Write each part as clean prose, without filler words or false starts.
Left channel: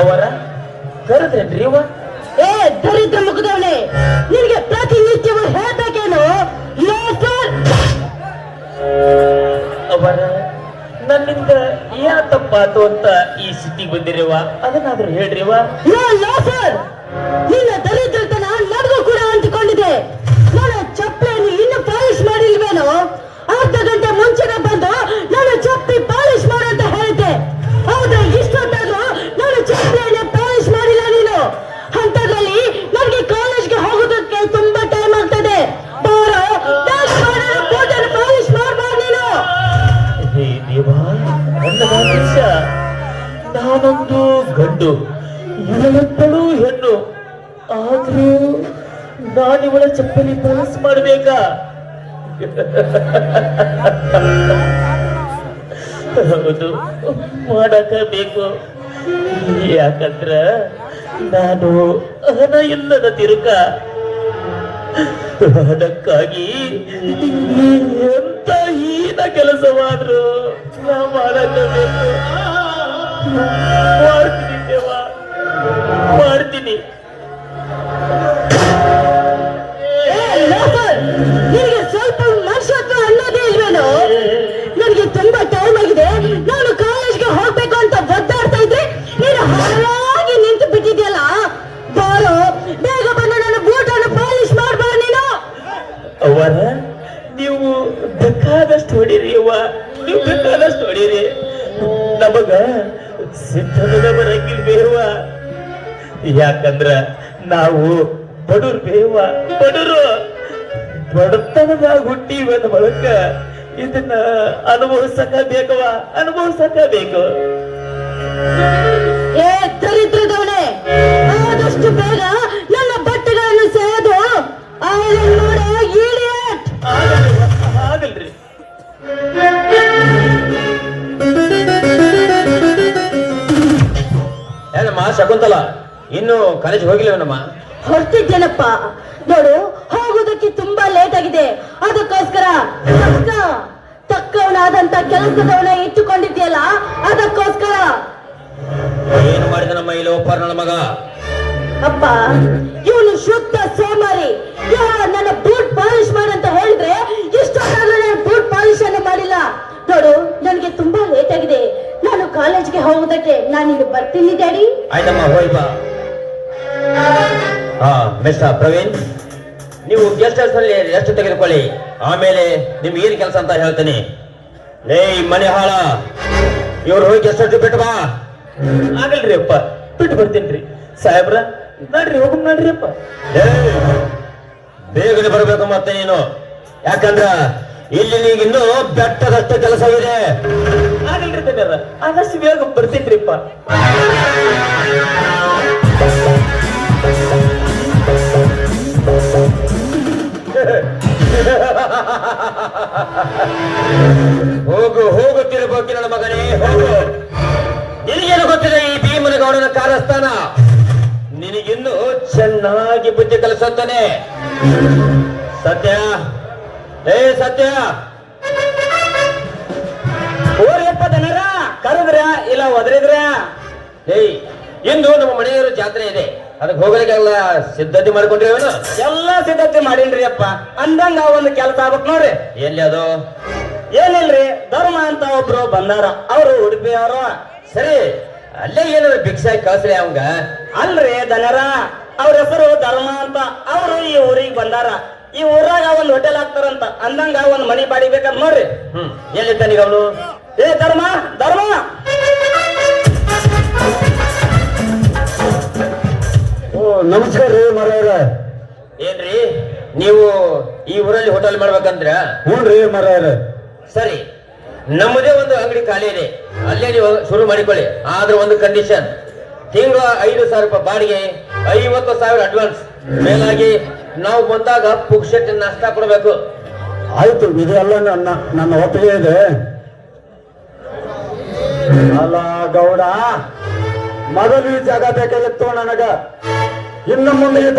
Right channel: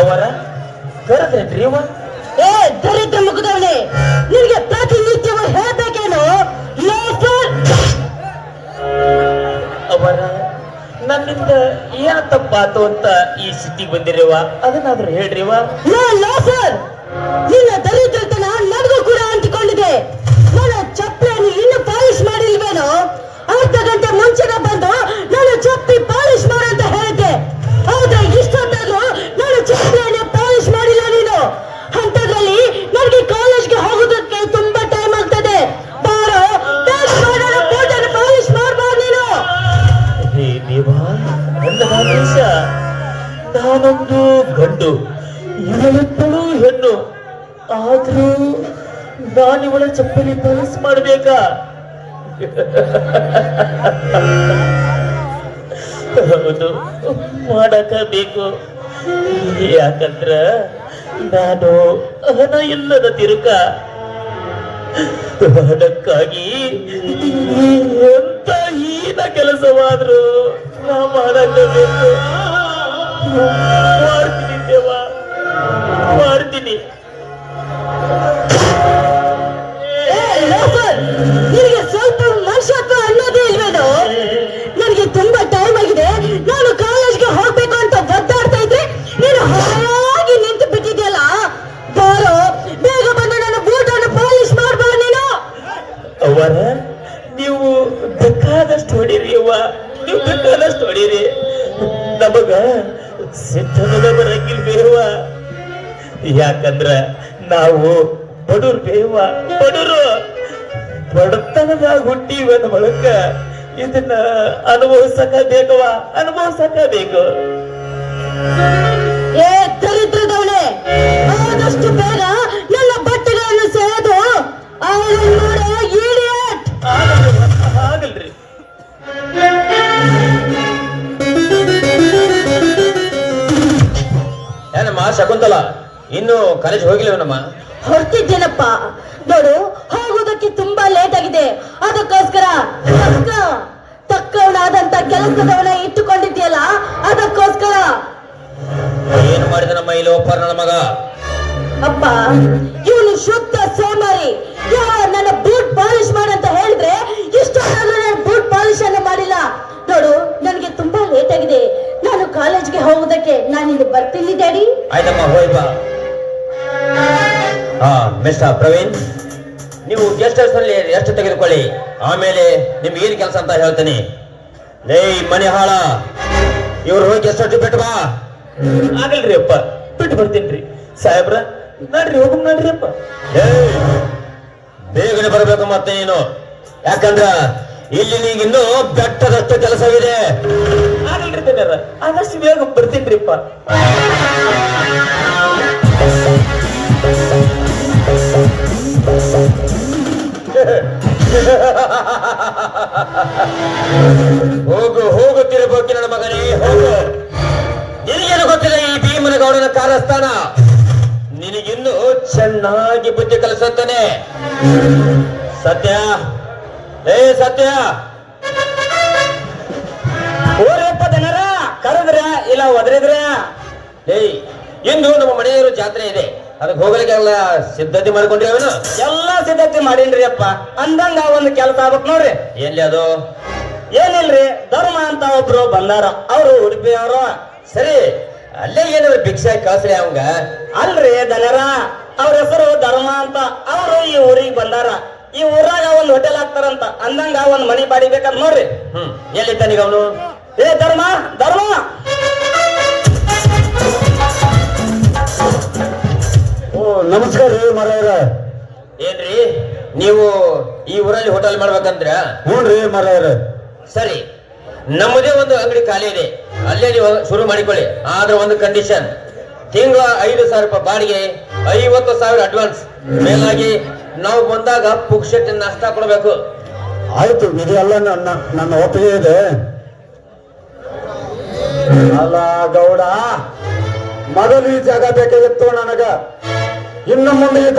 ಅವರ ಕರೆದ್ರೇನ್ರಿ ಇವ? ಏ ದರಿದ್ರ ಮುಖದವನೇ, ನಿನಗೆ ಪ್ರತಿನಿತ್ಯವೂ ಹೇಳ್ಬೇಕೇನು? ಅವರ ನನ್ನಿಂದ ಏನ್ ತಪ್ಪಾತು ಅಂತ ಈ ಸಿಟಿ ಬಂದಿರಿವ, ಅದನ್ನಾದ್ರೂ ಹೇಳ್ರಿವ. ಸರ್, ನಿನ್ನ ದರಿದ್ರತನ ನನಗೂ ಕೂಡ ಅಂಟಿಕೊಂಡಿದೆ. ನನ್ನ ಚಪ್ಪಲಿಯನ್ನು ಇನ್ನೂ ಪಾಲಿಶ್ ಮಾಡಿಲ್ವೇನೋ? ಅರ್ಧ ಗಂಟೆ ಮುಂಚೆನೆ ಬಂದು ನಾನು ಚಪ್ಪಲಿ ಪಾಲಿಶ್ ಮಾಡಂತ ಹೇಳಿದ್ದೆ. ಹೌದಾ? ಇಷ್ಟೊತ್ತಾದ್ರೂ ನಾನು ಚಪ್ಪಲಿಯನ್ನು ಪಾಲಿಶ್ ಮಾಡಿಲ್ಲ ನೀನು. ಅಂತದ್ರಲ್ಲಿ ನನಗೆ ಕಾಲೇಜ್ಗೆ ಹೋಗೋದಕ್ಕೆ ತುಂಬಾ ಟೈಮ್ ಆಗ್ತದೆ. ಪಾಲಿಶ್ ಮಾಡ್ಬಾರ್ದು ನೀನು. ಹೇ ದೇವ, ನನ್ನ ದೇಶ, ನಾನೊಂದು ಗಂಡು, ಇವಳೊಬ್ಬಳು ಹೆಣ್ಣು. ಆದ್ರೂ ನಾನಿವಳ ಚಪ್ಪಲಿ ಪಾಲಿಶ್ ಮಾಡ್ಬೇಕಾ? ಹೌದು, ಮಾಡಬೇಕು. ಯಾಕಂದ್ರ ನಾನು ಹಣ ಇಲ್ಲದ ತಿರುಕ. ಹಣಕ್ಕಾಗಿ ಎಂತ ಹೀನ ಕೆಲಸವಾದ್ರು ನಾ ಮಾಡಬೇಕು. ಮಾಡ್ತೀನಿ ದೇವ, ಮಾಡ್ತೀನಿ. ನಿನಗೆ ಸ್ವಲ್ಪ ಮನುಷ್ಯತ್ವ ಅನ್ನೋದೇ ಇಲ್ವೇನೋ? ನನಗೆ ತುಂಬಾ ಟೈಮ್ ಆಗಿದೆ, ನಾನು ಕಾಲೇಜ್ಗೆ ಹೋಗ್ಬೇಕು ಅಂತ ಒದ್ದಾಡ್ತಾ ಇದ್ರೆ ನೀನು ಹಾಗೆ ನಿಂತು ಬಿಟ್ಟಿದ್ಯಲ್ಲ. ಬಾರೋ, ಬೇಗ ಬಂದು ನನ್ನ ಬೂಟನ್ನು ಪಾಲಿಶ್ ಮಾಡ್ಬಾರ ನೀನು. ಅವರ ನೀವು ಬೇಕಾದಷ್ಟು ಹೊಡೀರಿ ಅವ್ವ, ನೀವು ಬೇಕಾದಷ್ಟು ಹೊಡೀರಿ. ನಮಗ ಸಿದ್ಧದ ಬರಂಗಿಲ್ ಬೇವ. ಯಾಕಂದ್ರ ನಾವು ಬಡೂರ್ ಬೇವ, ಬಡೂರು. ಬಡತನದಾಗ ಹುಟ್ಟಿವನ ಬಳಕ ಇದನ್ನ ಅನುಭವಿಸಕ ಬೇಕವ, ಅನುಭವಿಸಕ ಬೇಕು. ಏ ದರಿದ್ರದವಳೆ, ಆದಷ್ಟು ಬೇಗ ನನ್ನ ಬಟ್ಟೆಗಳನ್ನು ಸೆಳೆದು ಆಗಲ್ರಿ. ಏನಮ್ಮ ಶಕುಂತಲ, ಇನ್ನು ಕಾಲೇಜ್ ಹೋಗಿಲ್ಲವನಮ್ಮ? ಹೊರತಿದ್ದೇನಪ್ಪ. ನೋಡು, ಹೋಗುವುದಕ್ಕೆ ತುಂಬಾ ಲೇಟ್ ಆಗಿದೆ. ಅದಕ್ಕೋಸ್ಕರ ತಕ್ಕವನಾದಂತ ಕೆಲಸದವನ ಇಟ್ಟುಕೊಂಡಿದ್ಯಲ್ಲ, ಅದಕ್ಕೋಸ್ಕರ. ಏನು ಮಾಡಿದ ನಮ್ಮ ಇಲ್ಲಿ ಒಪ್ಪಾರ ನನ್ನ ಮಗ? ಅಪ್ಪ, ಇವನು ಶುದ್ಧ ಸೋಮಾರಿ. ನನ್ನ ಬೂಟ್ ಪಾಲಿಶ್ ಮಾಡಂತ ಹೇಳಿದ್ರೆ ಇಷ್ಟೊಂದಾದ್ರೂ ನಾನು ಬೂಟ್ ಪಾಲಿಶ್ ಅನ್ನು ಮಾಡಿಲ್ಲ. ನೋಡು, ನನಗೆ ತುಂಬಾ ಲೇಟ್ ಆಗಿದೆ. ನಾನು ಕಾಲೇಜ್ಗೆ ಹೋಗುವುದಕ್ಕೆ ನಾನಿಲ್ಲಿ ಬರ್ತೀನಿ ಡ್ಯಾಡಿ. ಆಯ್ತಮ್ಮ, ಹೋಯ್ ಬಾ. ಮಿಸ್ಟರ್ ಪ್ರವೀಣ್, ನೀವು ಗೆಸ್ಟ್ ಹೌಸ್ ನಲ್ಲಿ ರೆಸ್ಟ್ ತೆಗೆದುಕೊಳ್ಳಿ. ಆಮೇಲೆ ನಿಮ್ಗೆ ಏನ್ ಕೆಲಸ ಅಂತ ಹೇಳ್ತೀನಿ. ಲೇ ಮನೆ ಹಾಳ, ಇವ್ರು ಹೋಗಿ ಗೆಸ್ಟ್ ಹೌಸ್ ಬಿಟ್ಟು ಬಾ. ಆಗಲ್ರಿ ಅಪ್ಪ, ಬಿಟ್ಟು ಬರ್ತೀನ್ರಿ. ಸಾಹೇಬ್ರ, ನಡ್ರಿ, ಹೋಗ್ ನಡ್ರಿ ಅಪ್ಪ. ಬೇಗನೆ ಬರಬೇಕು ಮತ್ತೆ ನೀನು. ಯಾಕಂದ್ರ ಇಲ್ಲಿ ನೀಗಿನ್ನೂ ಬೆಟ್ಟದಷ್ಟು ಕೆಲಸವಿದೆ. ಆಗಲ್ರಿ ತನ್ಯಾರ, ಆದಷ್ಟು ಬೇಗ ಬರ್ತೀನ್ರಿಪ್ಪ. ಹೋಗು ಹೋಗು ತಿರುಗೋಕಿ ನನ್ನ ಮಗನೇ, ಹೋಗು. ನಿನಗೇನು ಗೊತ್ತಿದೆ ಈ ಭೀಮನಗೌಡನ ಕಾರಸ್ಥಾನ? ನಿನಗಿನ್ನು ಚೆನ್ನಾಗಿ ಬುದ್ಧಿ ಕಲಿಸುತ್ತಾನೆ. ಸತ್ಯ, ಏ ಸತ್ಯ, ಓರಿಯಪ್ಪ ಜನರ ಕರೆದ್ರ ಇಲ್ಲ ಒದರಿದ್ರ? ಏಯ್, ಇಂದು ನಮ್ಮ ಮನೆಯವರು ಜಾತ್ರೆ ಇದೆ, ಅದಕ್ಕೆ ಹೋಗಲಿಕ್ಕೆಲ್ಲ ಸಿದ್ಧತೆ ಮಾಡಿಕೊಂಡ್ರಿ. ಅವನು ಎಲ್ಲಾ ಸಿದ್ಧತೆ ಮಾಡೀನ್ರಿ ಅಪ್ಪ. ಅಂದಂಗ ಒಂದು ಕೆಲಸ ಆಗ್ಬೇಕು ನೋಡ್ರಿ. ಎಲ್ಲಿ ಅದು? ಏನಿಲ್ರಿ, ಧರ್ಮ ಅಂತ ಒಬ್ರು ಬಂದಾರ, ಅವರು ಉಡುಪಿ ಅವ್ರ. ಸರಿ, ಅಲ್ಲೇ ಏನಾದ್ರು ಭಿಕ್ಷಾ ಕಳ್ಸ್ರಿ ಅವಂಗ. ಅಲ್ರಿ ದನರ, ಅವ್ರ ಹೆಸರು ಧರ್ಮ ಅಂತ. ಅವರು ಈ ಊರಿಗೆ ಬಂದಾರ. ಈ ಊರಾಗ ಒಂದ್ ಹೋಟೆಲ್ ಹಾಕ್ತಾರಂತ. ಅಂದಂಗ ಒಂದ್ ಮನಿ ಬಾಡಿ ಬೇಕಂತ ನೋಡ್ರಿ. ಎಲ್ಲಿದ್ದಾನೀಗ ಅವನು? ಏ ಧರ್ಮ, ಧರ್ಮ. ನಮಸ್ಕಾರ ರೀ ಮರವ್ರ. ಏನ್ರಿ ನೀವು ಈ ಊರಲ್ಲಿ ಹೋಟೆಲ್ ಮಾಡ್ಬೇಕಂದ್ರ? ಹ್ಞೂನ್ರಿ ಮರವ್ರ. ಸರಿ, ನಮ್ಮದೇ ಒಂದು ಅಂಗಡಿ ಖಾಲಿ ಇದೆ, ಅಲ್ಲೇ ನೀವು ಶುರು ಮಾಡಿಕೊಳ್ಳಿ. ಆದ್ರೆ ಒಂದು ಕಂಡೀಷನ್, ತಿಂಗಳ 5,000 ರೂಪಾಯಿ ಬಾಡಿಗೆ, 50,000 ಅಡ್ವಾನ್ಸ್. ಮೇಲಾಗಿ ನಾವು ಬಂದಾಗ ಪುಕ್ಷಟ್ ನಾಷ್ಟ ಕೊಡ್ಬೇಕು. ಆಯ್ತು, ಇದೆಲ್ಲ ನನ್ನ ಒಪ್ಪಿಗೆ ಇದೆ. ಅಲ್ಲ ಗೌಡ, ಮೊದಲು ಈ ಜಾಗ ಬೇಕಾಗಿತ್ತು ನನಗ. ಇನ್ನು ಮುಂದೆ ಈ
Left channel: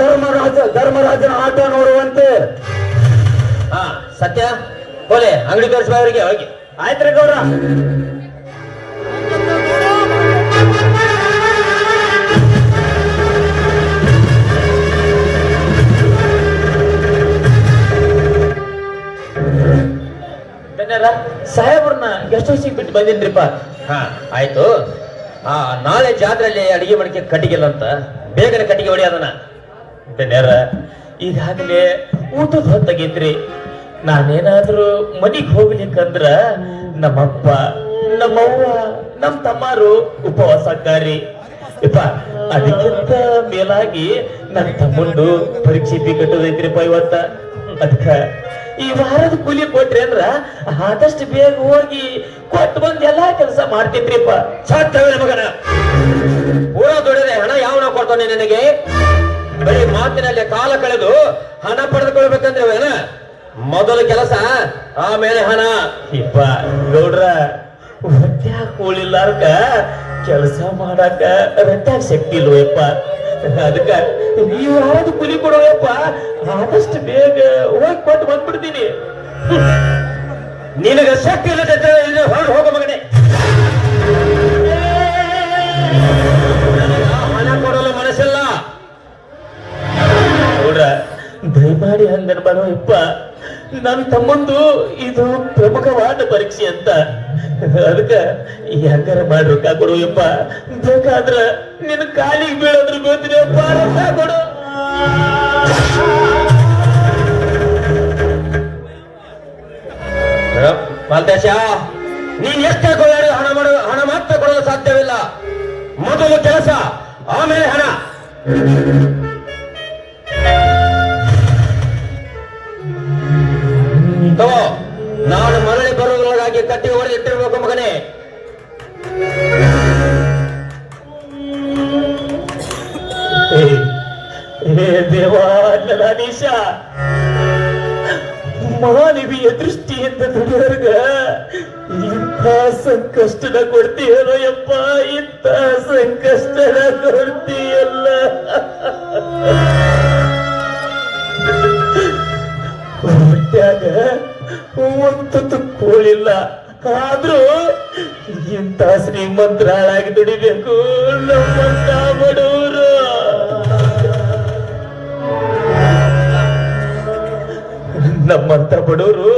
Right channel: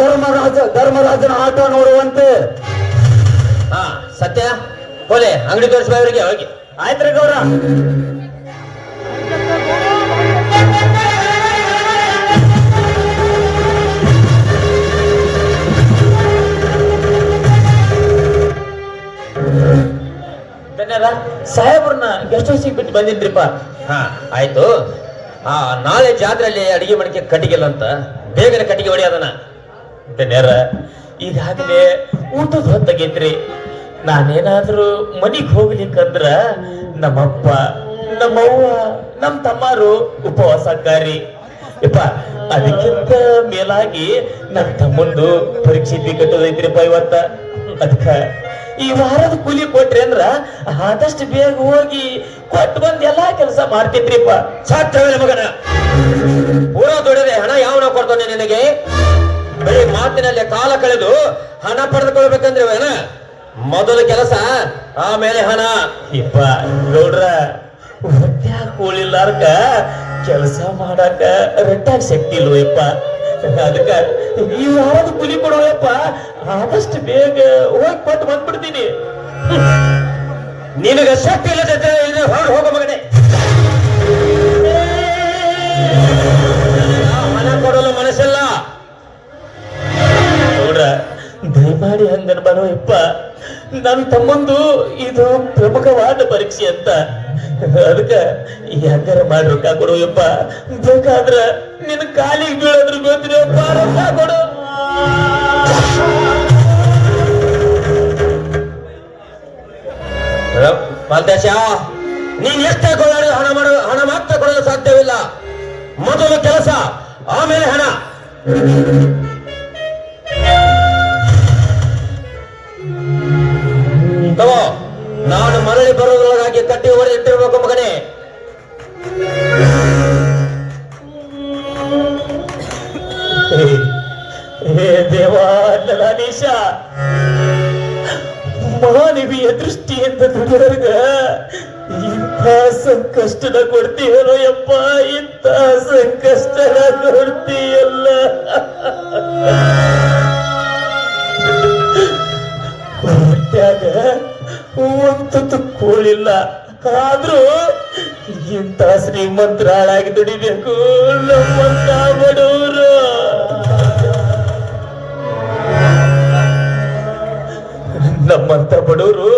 ಧರ್ಮರಾಜನ ಆಟ ನೋಡುವಂತೆ. ಹಾ ಸತ್ಯ, ಹೋಲೆ ಅಂಗಡಿ ತೋರಿಸ್ಬ ಅವರಿಗೆ. ಹೋಗಿ. ಆಯ್ತ್ರಿ ಗೌಡ. ಸಾಹೇಬ್ರನ್ನ ಗೆಸ್ಟ್ ಹೌಸಿಗೆ ಬಿಟ್ಟು ಬಂದಿನ್ರಿಪ್ಪ. ಹಾ ಆಯ್ತು. ನಾಳೆ ಜಾತ್ರೆಯಲ್ಲಿ ಅಡಿಗೆ ಮಡಿಕೆ ಕಟ್ಟಿಗೆಲ್ಲ ಅಂತ ಬೇಗನೆ ಕಟ್ಟಿಗೆ ಹೊಡೆಯೋದನ್ನ. ಧನ್ಯರ ಈಗಾಗಲೇ ಊಟದ ಹೊತ್ತಾಗೈತ್ರಿ. ನಾನೇನಾದ್ರೂ ಮನಿಗ್ ಹೋಗ್ಲಿಕ್ಕಂದ್ರ ನಮ್ಮಪ್ಪ ನಮ್ಮವ್ವ ನಮ್ ತಮ್ಮಾರು ಉಪವಾಸಕ್ಕಾರಿ ಯಪ್ಪ. ಅದಕ್ಕಿಂತ ಮೇಲಾಗಿ ನನ್ನ ತಮ್ಮಂದು ಪರೀಕ್ಷೆ ಕಟ್ಟೋದೈತ್ರಿಪ್ಪ ಇವತ್ತ. ಅದಕ್ಕ ಈ ವಾರದ ಕೂಲಿ ಕೊಟ್ರಿ ಅಂದ್ರ ಆದಷ್ಟು ಬೇಗ ಹೋಗಿ ಕೊಟ್ಟು ಬಂದ್ ಎಲ್ಲಾ ಕೆಲಸ ಮಾಡ್ತಿದ್ರಿಪ್ಪ. ಸಾಧ್ಯವಿಲ್ಲ ಮಗನ. ಪೂರಾ ದುಡಿದ್ರೆ ಹಣ ಯಾವನ ಕೊಡ್ತಾನೆ ನಿನಗೆ? ಬರೀ ಮಾತಿನಲ್ಲೇ ಕಾಲ ಕಳೆದು ಹಣ ಪಡೆದುಕೊಳ್ಬೇಕಂದ್ರೆ ಮೊದಲು ಕೆಲಸ ಆಮೇಲೆ ಹಣ. ಇಪ್ಪ ಗೌಡ್ರ ಹೊಟ್ಯಾಗ ಕೂಳಿಲ್ಲಾರ್ಕ ಕೆಲಸ ಮಾಡಾಕ ರಟ್ಟಾಗ ಶಕ್ತಿ ಇಲ್ವಪ್ಪ. ಅದಕ್ಕ ಈ ವಾರದ ಕೂಲಿ ಕೊಡುವಪ್ಪ ಆದಷ್ಟು ಬೇಗ ಹೋಗಿ ಕೊಟ್ಟು ಬಂದ್ಬಿಡ್ತೀನಿ. ನಿನಗ ಶಕ್ತಿ ಇಲ್ಲದೆ ಹೊರಗೆ ಹೋಗೋ ಮಗನೇ. ಹಣ ಕೊಡಲು ಮನಸ್ಸಲ್ಲ. ಗೌಡ್ರ ದಯಮಾಡಿ ಹಂಗನ್ ಬರೋ ಯಪ್ಪ. ನನ್ನ ತಮ್ಮಂದು ಇದು ಪ್ರಮುಖವಾದ ಪರೀಕ್ಷೆ ಅಂತ. ಅದಕ್ಕ ಹೆಂಗಾರ ಮಾಡ್ಬೇಕಾಗ್ಬಿಡು ಯಪ್ಪ. ಬೇಕಾದ್ರ ನಿನ್ ಕಾಲಿಗೆ ಬೀಳೋದ್ರ ಗೊತ್ತಿದೆ ಕೊಡು. ಮಾಲ್ತೇಶ, ನೀನ್ ಎಷ್ಟೇ ಕೊಡೋದು ಹಣ ಮಾತ್ರ ಕೊಡಲು ಸಾಧ್ಯವಿಲ್ಲ. ಮೊದಲು ಕೆಲಸ ಆಮೇಲೆ ಹಣ. ತಗೋ, ನಾನು ಮರಳಿ ಬರೋದ್ರೊಳಗಾಗಿ ಕಟ್ಟಿ ಹೊಡೆ ಇಟ್ಟಿರ್ಬೇಕು ಮಗನೇ. ಹೇ ದೇವಾ ನಡಾಧೀಶ, ಮಾನವೀಯ ದೃಷ್ಟಿಯಿಂದ ದುಡಿಯೋರ್ಗ ಇಂಥ ಸಂಕಷ್ಟನ ಕೊಡ್ತೀಯಲ್ಲ ಯಪ್ಪ. ಇಂಥ ಸಂಕಷ್ಟನ ಕೊಡ್ತೀಯಲ್ಲ. ಹೊಟ್ಯಾಗ ಒಂದು ಕೋಳಿಲ್ಲ ಆದ್ರೂ ಇಂಥ ಶ್ರೀಮಂತರ ಹಾಳಾಗಿ ದುಡಿಬೇಕು ನಮ್ಮಂತ ಬಡವರು. ನಮ್ಮಂತ ಬಡವರು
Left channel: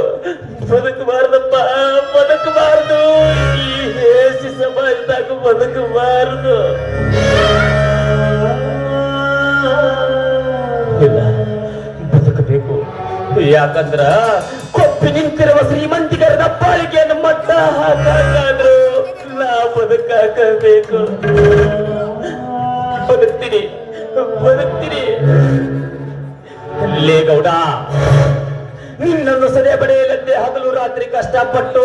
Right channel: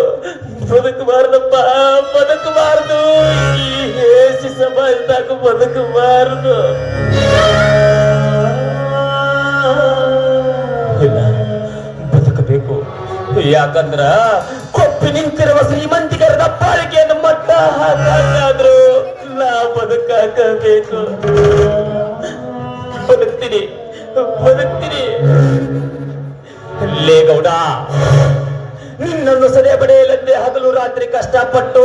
ಬದುಕಬಾರ್ದಪ್ಪ, ಬದುಕಬಾರ್ದು. ಈ ಹೇಸಿ ಸಮಾಜದಾಗ ಬದುಕಬಾರ್ದು. ಇಲ್ಲ, ಬದುಕಬೇಕು. ಯಾಕಂದ್ರ ಕೊಪ್ಪಿ ನಿಂತಿರುವ ಶ್ರೀಮಂತಿಗರದ ಪಾಲಿಕೆಯನ್ನು ಮಟ್ಟ ಹಾಕಾದ್ರೂ ನಾ ಬದುಕಾಕಬೇಕು. ಬದುಕ್ತೀನಿ ಬದುಕ್ತೀನಿ. ಲೇ ಗೌಡ, ನಿನ್ನನ್ನು ಸದೆ ಬಡೆಯಲಂತೆ ಹಗಲು ರಾತ್ರಿ ಕಷ್ಟಪಟ್ಟು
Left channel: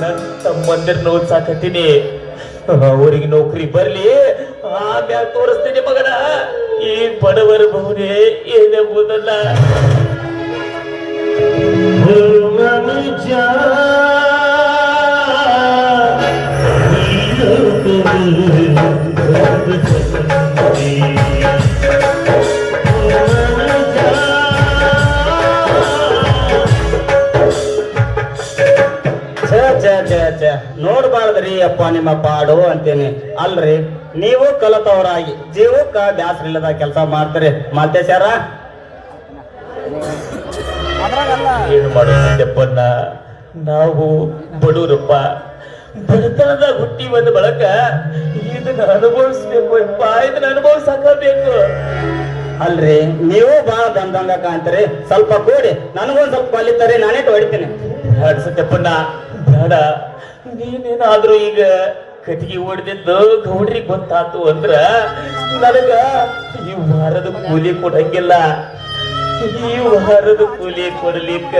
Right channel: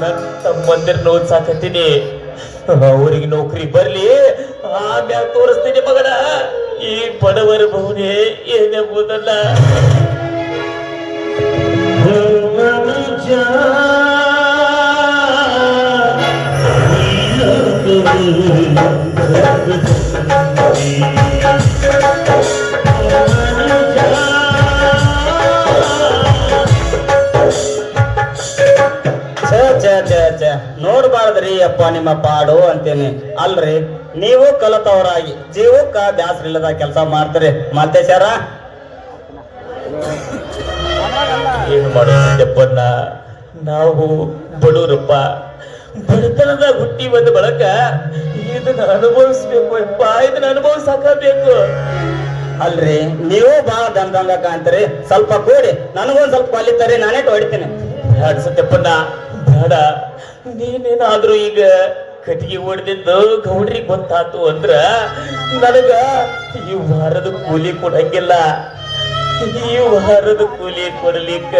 ನನ್ನ ತಮ್ಮಂದಿರನ್ನು ಓದ್ಸಾಕತ್ತೀನಿ. ಅವ್ರಿಗೆ ನೌಕರಿ ಬರ್ಲಿ, ಆಮ್ಯಾಗ ತೋರಿಸ್ತೀನಿ ಮಗನ ಈ ಬಡವರ ಬಹುನೇ ಏನೆಂಬುದಲ್ಲ. ನೋಡ್ಬಾರ್ದ್ರಿ ಅಪ್ಪ ನಿಮ್ಮ ಪಾಡು ಅಂತೇನೆ. ಅಲ್ರಿ, ನೀವು ಕಲತವರಾಗಿ ಜೀವಕ್ಕ ಬ್ಯಾಸ್ರ ಇಲ್ಲದ ಕೆಲಸ ಮಾಡ್ತೀರಿ ಮಾಲ್ತೇಶರ. ಏನು ಮಾಡೋದಪ್ಪನ್ನ, ನಾವು ಬಡವರಪ್ಪ. ಬಡತನದಾಗ ಹುಟ್ಟಿ ಬಂದ ಬಳಕ ಇದನ್ನ ಅನುಭವಿಸ್ಬೇಕು ಯಪ್ಪ. ಇದನ್ನ ಅನುಭವಿಸಾಕಬೇಕು. ಅಲ್ರಿ, ನೀವು ಬಾ ದಂದಂಗ ಕಾಣ್ತೀರಿ. ಸ್ವಲ್ಪ ಕೂಡಿ ನನಗೊಂದ್ ಸ್ವಲ್ಪ ಕಲಿತಾರೆ, ನಾನೇ ಹೊಡಿತೀನಿ. ಸತ್ಯಪ್ಪನ್ನ ಬೇಡ. ನೀನೇನಾದ್ರೂ ಈಗ ಕಟ್ಟಿಗೆ ಹೊಡೆದಿದ್ದು ಗೌಡ್ರಿಗೆ ಗೊತ್ತಾತು ಅಂದ್ರ ನನಗ ಈ ವಾರದ ಕೂಲಿ ಕೊಡಂಗಿಲ್ಲ. ಈ ವಾರದ ಕೂಲಿ ಕೊಡ್ಲಿಕ್ಕ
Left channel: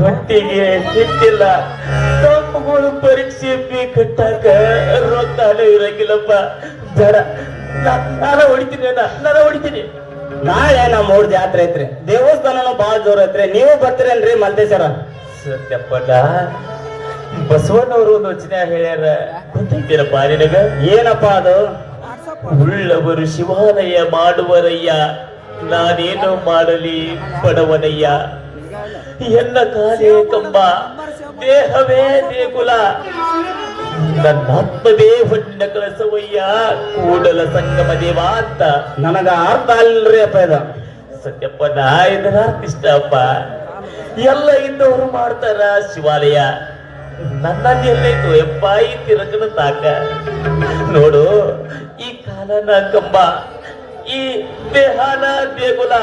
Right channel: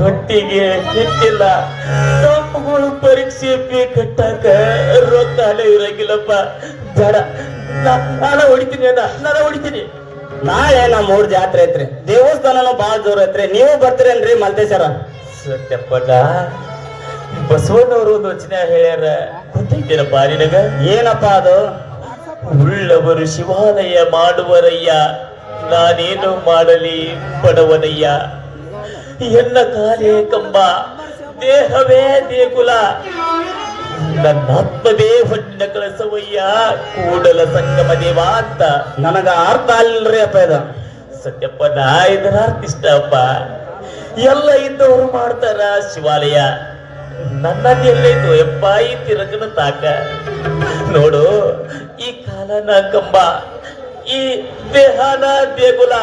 ಹೊಟ್ಟಿಗೆ ಹಿಟ್ಟಿಲ್ಲ. ತಪ್ಪುಗಳು ಪರೀಕ್ಷೆ ಕಟ್ಟಾಕ ರೊಕ್ಕನೇ ಇರಂಗಿಲ್ಲಪ್ಪ. ಬೇಡ, ನಾನ ಹೊಡಿತೀನಿ. ನಾಳೆ ನಮ್ಮ ಊರ್ ಜಾತ್ರೆ ಐತ್ರಿ, ದೇವಸ್ಥಾನನು ಬಾಳ ಜೋರ್ ಐತ್ರಿ. ನೀವು ಬರ್ತೀರೇನ್ರಿ ಮಾಲ್ತೇಶರ? ಸತ್ಯಪ್ಪಣ್ಣ, ಬಸವಣ್ಣವರು ಒಂದು ವಚನ ಹೇಳ್ಯಾರ, ಗೊತ್ತೈತೇನಪ್ಪ ನಿನಗ? ಏನಪ್ಪಾ ಅದು? ಉಳ್ಳವರು ಶಿವಾಲಯ ಮಾಡುವರಯ್ಯ, ನಾನೇನು ಮಾಡಲಿ ಬಡವನಯ್ಯ. ಎನ್ನ ಕಾಲೇ ಕಂಬ, ದೇಹವೇ ದೇಗುಲ, ನನ್ನಾತ್ಮವೇ ಹೊನ್ನ ಕಳಸವಯ್ಯ, ಕೂಡಲ ಸಂಗಮ ದೇವ ಅಂತ. ನನಗ ಅರ್ಥ ಅಲ್ರಿ ಅಪ್ಪ ಇದು. ಸತ್ಯಪ್ಪಣ್ಣ, ಇದರ ಅರ್ಥ ಇಷ್ಟ ಅಪ್ಪ. ಎಲ್ಲ ಇದ್ದವರು ಮಾಡ್ತಾರ ಶಿವಾಲಯ, ನನ್ನಲ್ಲಿ ಎಲ್ಲೈತು ಯಪ್ಪ ಈ ತಿರಕನ ತಾಕ ನೋಡು. ಈ ಕಾಲನ ಕಂಬ, ಈ ದೇಹನ ದೇಗುಲ,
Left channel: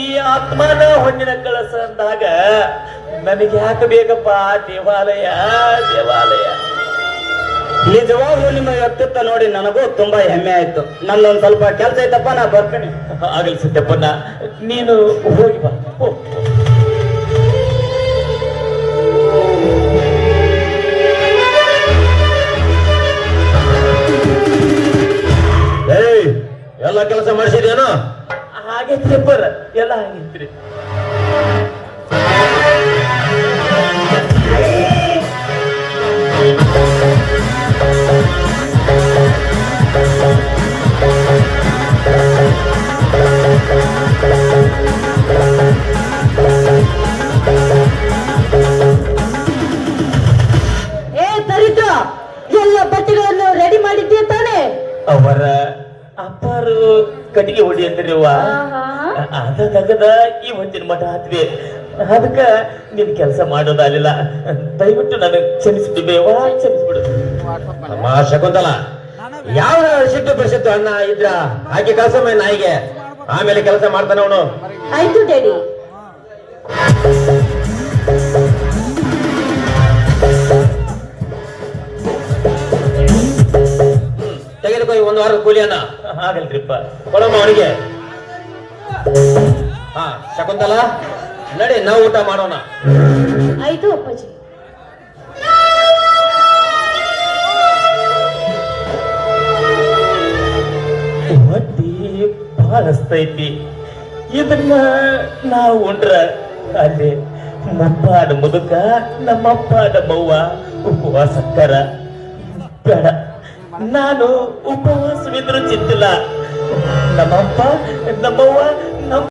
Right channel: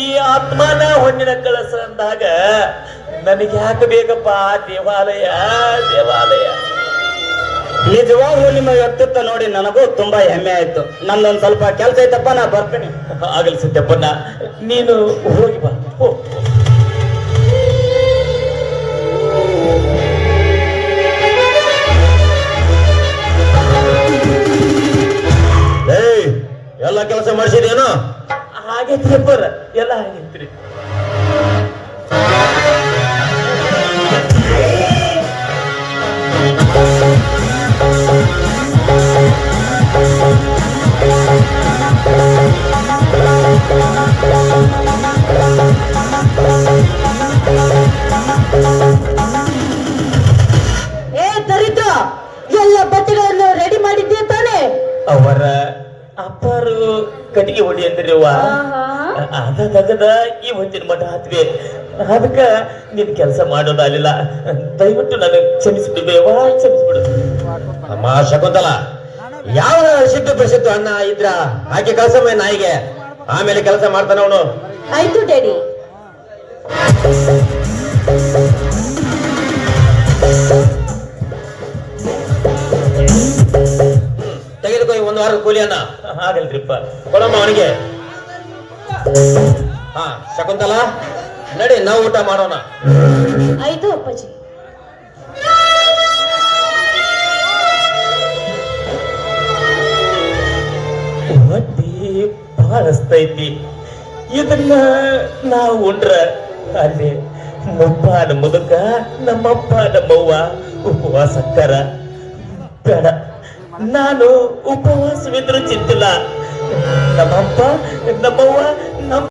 ಈ ಆತ್ಮನ ಹೊಣ್ಣಿನ ಕಳಸ ಅಂದಾಗ ನನಗೆ ಯಾಕೆ ಬೇಕಪ್ಪ ದೇವಾಲಯ ದೇವಾಲಯ. ನಿಜವಾಗ್ಲೂ ನಿಮ್ಮ ವ್ಯಕ್ತಿತ್ವ ನೋಡಿ ನನಗೂ ತುಂಬಾ ಹೆಮ್ಮೆ ಆಯ್ತು. ನನ್ನೊಂದ್ ಸ್ವಲ್ಪ ಕೆಲಸ ಐತಪ್ಪ, ನಾ ಬರ್ತೇನೆ. ಆಗಲಿ ಸಿದ್ದಪ್ಪನ, ನೀನು ಹೋಗಿ ಬಾ. ಎಲ್ಲ ಕೆಲಸ ಮಾಡಿಸಿದೇನು? ಆಗೈತ್ರಿ ಅಪ್ಪರ, ಎಲ್ಲ ಆಗೈತ್ರಿ. ಏ ದರಿದ್ರ, ಎಲ್ಲ ಬಟ್ಟೆಗಳನ್ನು ರೆಡಿ ಮಾಡಿದ್ದೀಯ ತಾನೆ? ಅವರ ಅಪ್ಪರು ಕಟ್ಟಿಗೆ ಹೊಡಿ ಅಂದ್ರಿವ ಅದದ ಈ ಹೊತ್ತಿನ ಮಠ ಹತ್ವೆ. ಅದಕ್ಕ ನಿನ್ ಕೆಲಸ ಮಾಡೋದಾಗಲಿಲ್ಲ. ದಯವಿಟ್ಟು ನನಗೆ ಕ್ಷಮಿಸ್ಬಿಡ್ಬೇವಾ, ಕ್ಷಮಿಸ್ಬಿಡು. ನಮ್ಮ ಶಕುಂತಲ, ಯಾವ ಸಿಟ್ಟು ಪರಿಸಿತ್ತು ಅಣ್ಣ ಇದ್ರ ಆಕೆ ಕೆಲಸ ನಾಯಿಗೆ, ಆಮೇಲೆ ಕೆಲಸ ಮಾಡ್ತಾನೆ ಅವನು. ಆಯ್ತು ಡ್ಯಾಡಿ. ತೆಗೆದುಕೋ ಈ 1 ವಾರದ ಕೂಲಿಯನ್ನ. ಆಗಲ್ರಿಪ್ಪ. ಕೊಡಮ್ಮ ಅವನಿಗೆ. ಹಾ ಶಕುಂತಲ, ನಡಿ ನಾವು ಊಟ ಮಾಡೋಣ. ಆಯ್ತು ಅಪ್ಪಾಜಿ. ಹೊಟ್ಟಿ ಬಹಳ ಹಸ್ತೈತಿ. ಇದನ್ನ ನಾವು ಉಂಡ್ರ ಅಲ್ಲಿ ಮುಪ್ಪಾದ ಮುದುಕ, ನಮ್ಮಪ್ಪ ನಮ್ಮವ್ವ ಉಪವಾಸಕ್ಕರ. ಬೇಡ, ನಾನು ಉಪವಾಸವಿದ್ರು ಚಿಂತಿಲ್ಲ. ನಮ್ಮಪ್ಪ ನಮ್ಮವ್ವ